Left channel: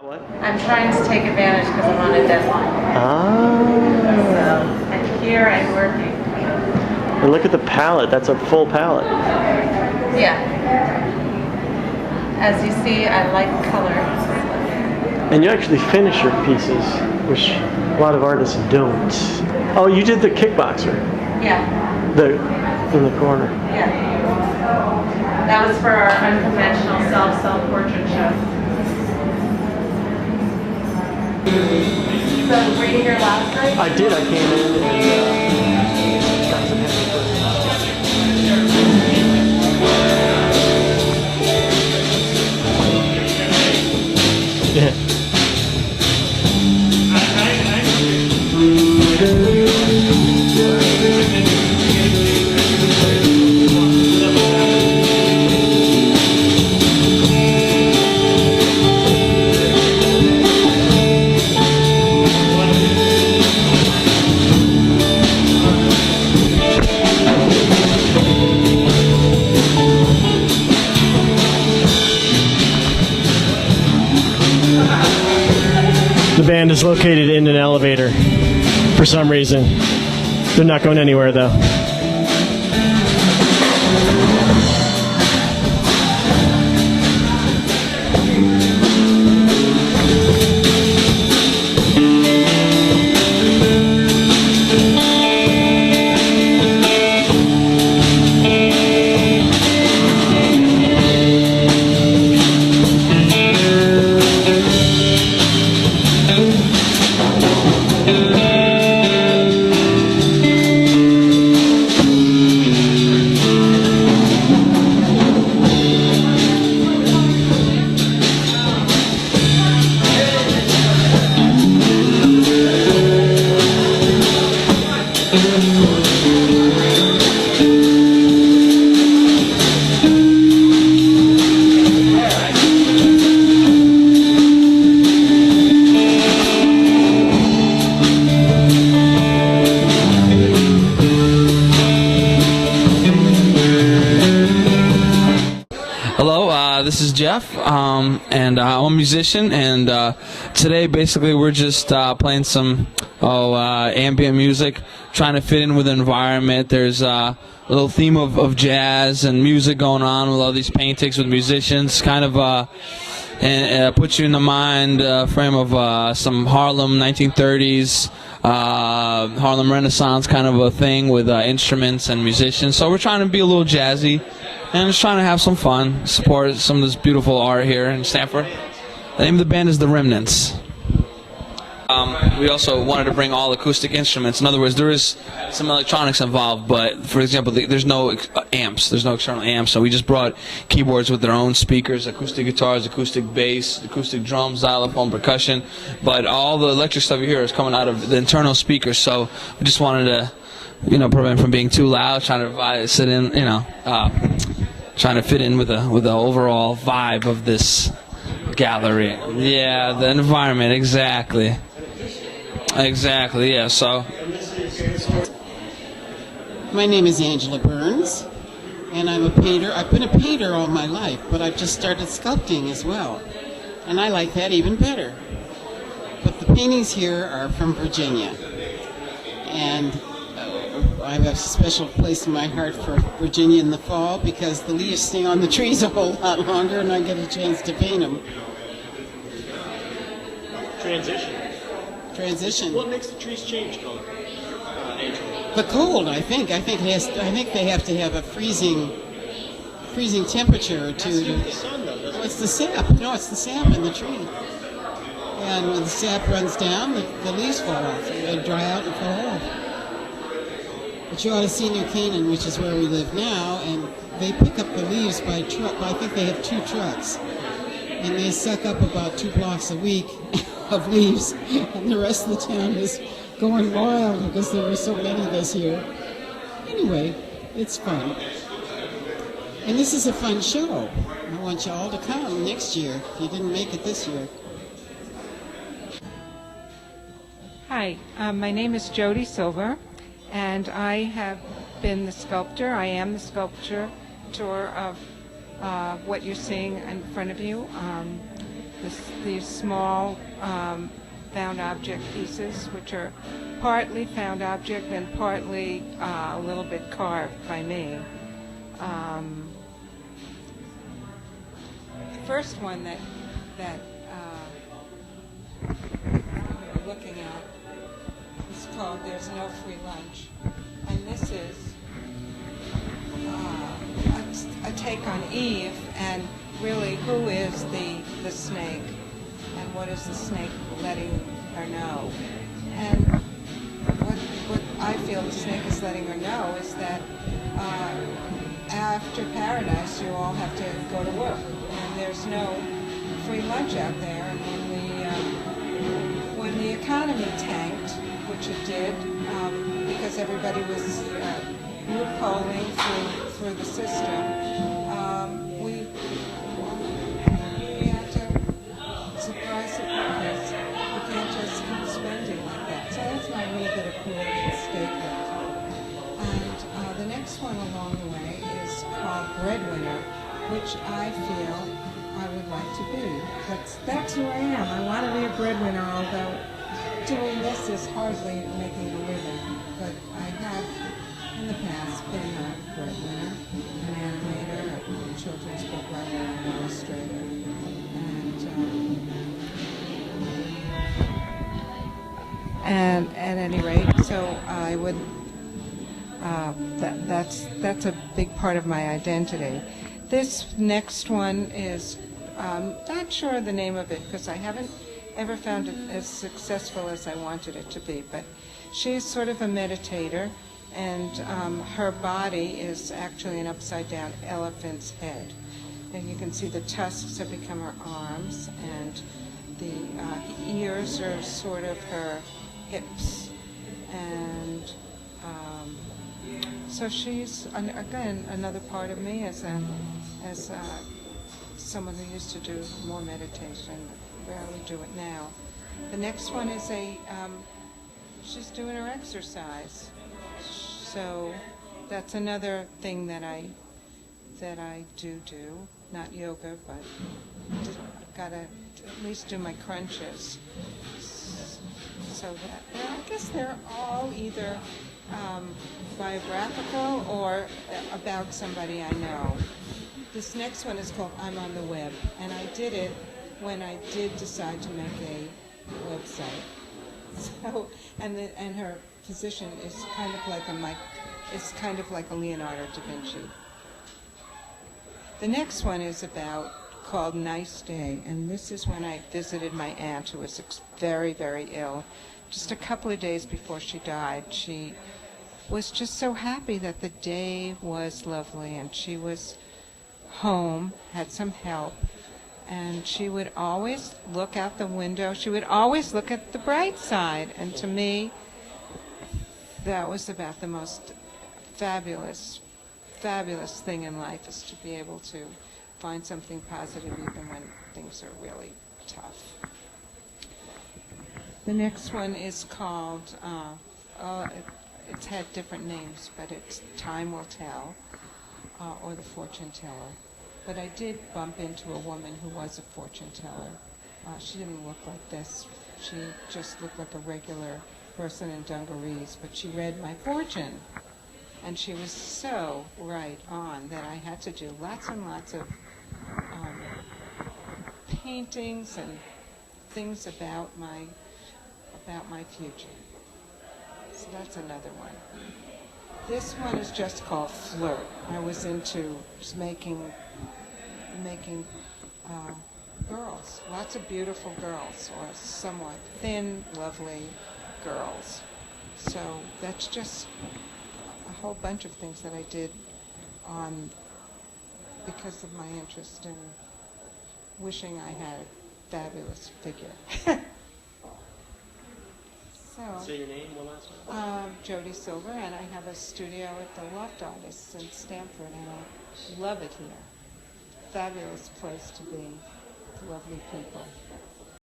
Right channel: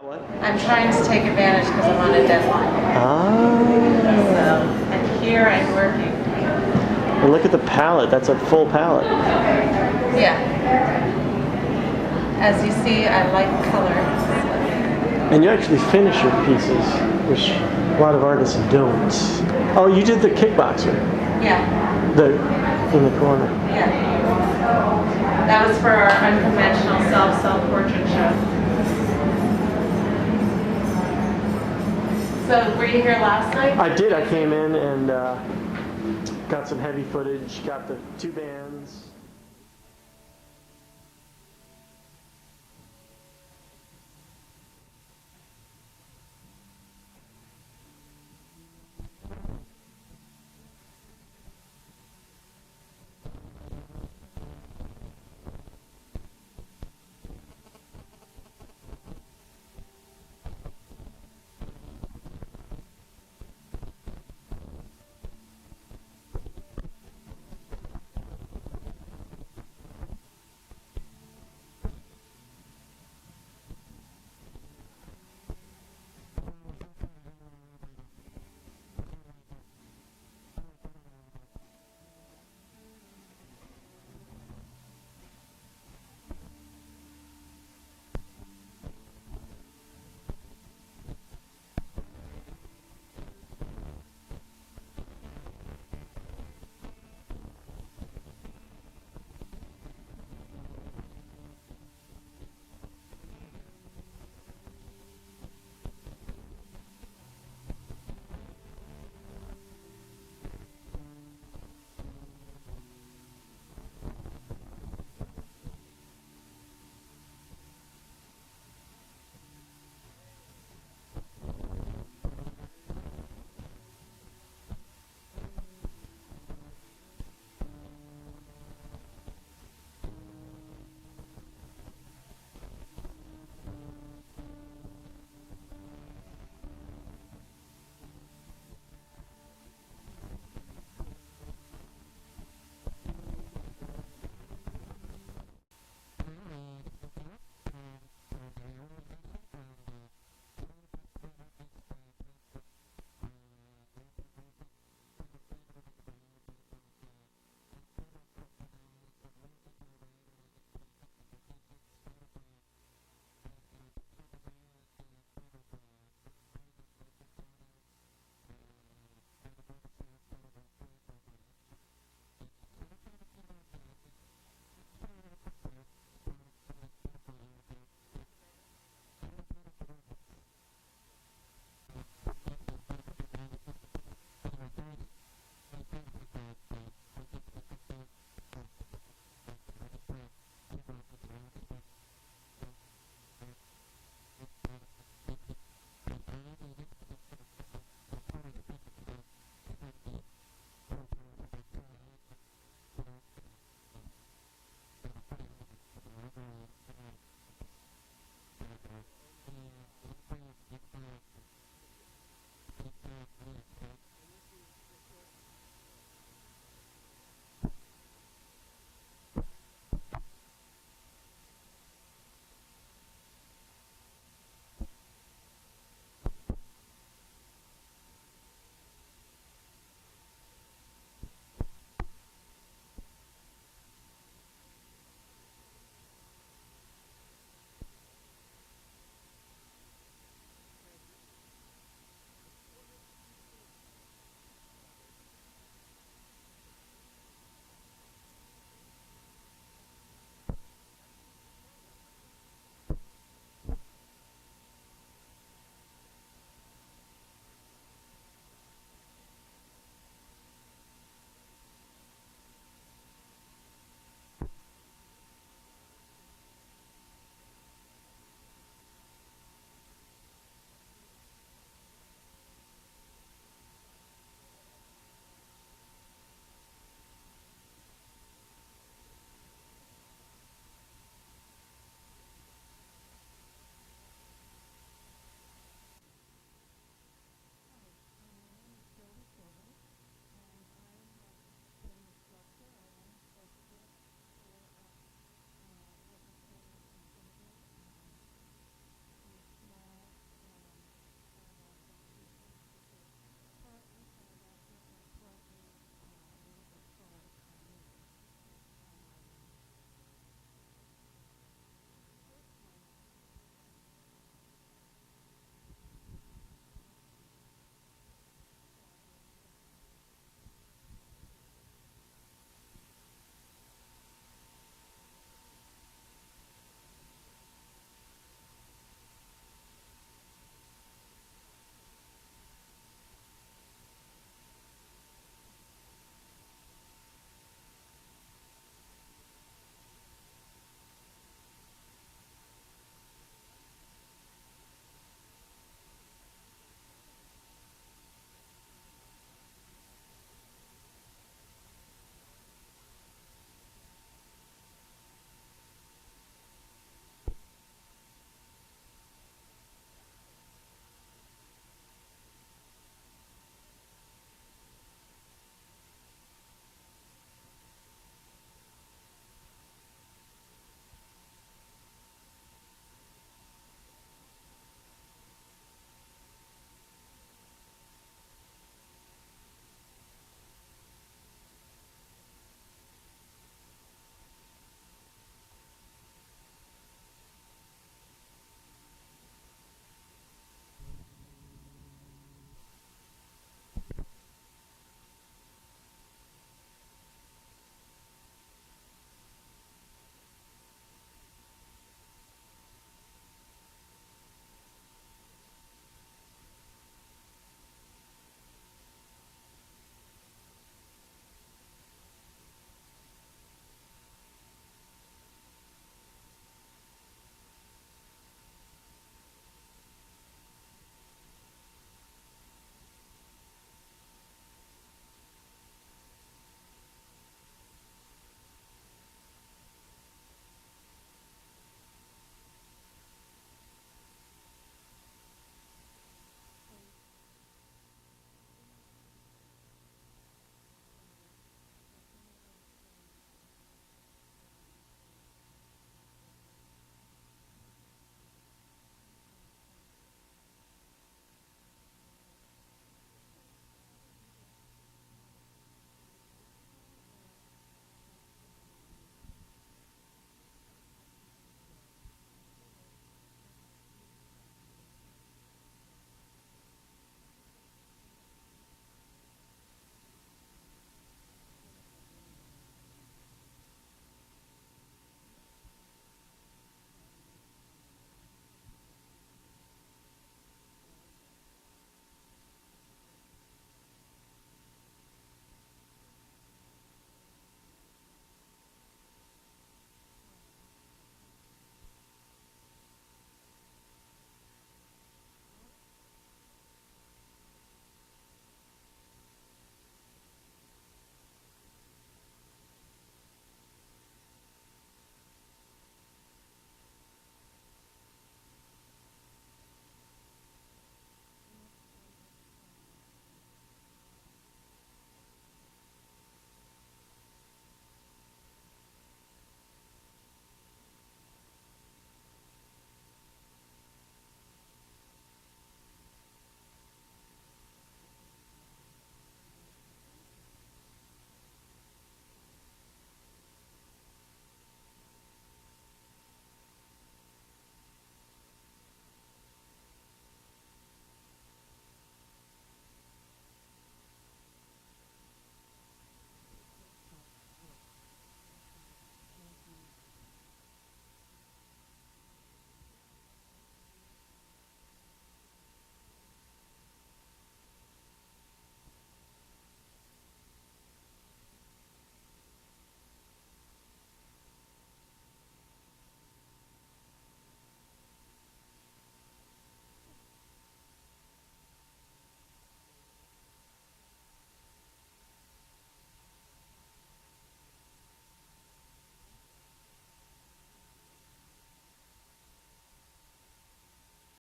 What? I'm trying to take advantage because I'm on a deadline. Ah. So, and here I'm working. And look at the palette. That's a full palette. Yeah. As you see, I like color. And you actually finish your pieces, which a lot of artists don't. Oh, you did the kickboxer. Yeah. In the corner. Yeah. That was for our unconventional self-portrait show. So, were you here last night? I did. I came in and got some heavy footage. Yeah. The band is located in an elevator for some reason. They're not going anywhere though. Hello, this is Jeff, and I'm a musician, and today basically we're just playing some ambient music, trying to fit in with the environment. There's a little theme of jazz and music going on with all these paintings with musicians, kind of and puts you in the mind frame of some Harlem 1930s, Harlem Renaissance kind of a thing with instruments and musicians. So we're trying to be a little jazzy and just trying to have some fun, support some of this beautiful art here in Stanford. The name of the band is the Remnants. We also wanted to bring all acoustic instruments. In other words, there is some electronics involved, but for example, there's no amps, there's no external amps, so we just brought keyboards with their own speakers, acoustic guitars, acoustic bass, acoustic drums, xylophone, percussion, but all the electric stuff you hear is coming out of the internal speakers, so we just wanted to, prevent from being too loud, trying to sit in, trying to fit in with the overall vibe of this gallery. Yeah, the environment, exactly. Exactly, yeah, so. My name is Angela Burns, and I'm a painter. I've been a painter all my life, but I've just started sculpting as well, and I like that even better. But the paintings here are from Virginia, and I have a special place in my heart for Virginia in the fall because the leaves stay on the trees a whole lot longer, and I get a chance to paint them. Transition. What makes the trees change color? The cold, I think. I think they have to have a freezing temperature to. The sun, though, doesn't No, it's the sap. No, it's the sap in the tree. And when the sap runs down, the leaves fall off. They dry out and fall off. But you ought to see New Canaan, which is where we live now, and they pick up the leaves by truck. I think they have 2 trucks, and they suck up about 2 blocks a week of leaves, and the rest of the town is going wild because there were so many this year. Anyway, it's fun. And this is a fun show. I want you all to come next year if you didn't make it this year. Hi, my name is Jody Silver, and I have been the sculptor. I am the sculptor of what you're seeing in front of you. these small found object pieces, which are partly found object and partly a little bit carved by me. The first one that we're looking at is called "There's No Free Lunch," and this is a take on Eve and really who is the snake and what is the snake letting her know. And what I feel the snake is letting her know is that after paradise you all have to go to work and there's no free lunch out there. And when the economy tanked, which it did, because everybody was loopholing through the system, we had to surprise. We can't just keep spending like that. So that's my little bit of political statement. And the next one along the way is called Breadwinner, which I feel I would like to be. That's who I am. I want to be a breadwinner, although doing this is hardly making a living. But I have, in the past, been a breadwinner, an animator, a children's book writer, an illustrator. And at any rate, so I would, that's a big part of my identity. This next one is, not sure of the name of it because I haven't ever found it as successful as I wanted it to be, but she's sort of a meditator, and her body is actually an upside-down elephant's head. And you can see the tusks have become her arms, and the ears are sort of her hips. And so she's, again, another part of me as someone who used to do more meditation, rarely do it now. The next one is she's doing her exercise. So that's another thing that I do, not yoga, but gotta at least do my crunches. So that, well, I guess they're all either biographical or about somebody I know. This next one is called I'm on the Web, and I did it when I did decide to make a website. So, and her position is kind of like a Leonardo da Vinci. The next one is called Nice Day, and this is when I visited my aunt who was very, very ill. Just a couple of days before she died, she was just so happy that the day was lovely, and she was home, had some help, and she would always look out the window. She would always look at the bright side, and to me, that was about the most fabulous thing in life, is to be able to find something positive even when things are really tough. The next one is called, it's had different names, but it's Time Will Tell, or The Fortune Teller. But I did bump into a woman who was a fortune teller. She didn't look like this. She just looked like a regular person in dungarees, but she read my fortune. And she was so right on that I had to do lots and lots of paintings and things about my future. So that's another one. This one is just called Flirt. I was into just making girls, lots of beautiful girls, or somewhat thin, lovely girls. So that's just a whole bunch of things that I did because of my interest in wishing I had a fabulous figure. Say your name one last time. Jody Silver, and I have a studio at the Loft Artists in Stamford, and I love it here. Fabulous place to be, lovely people.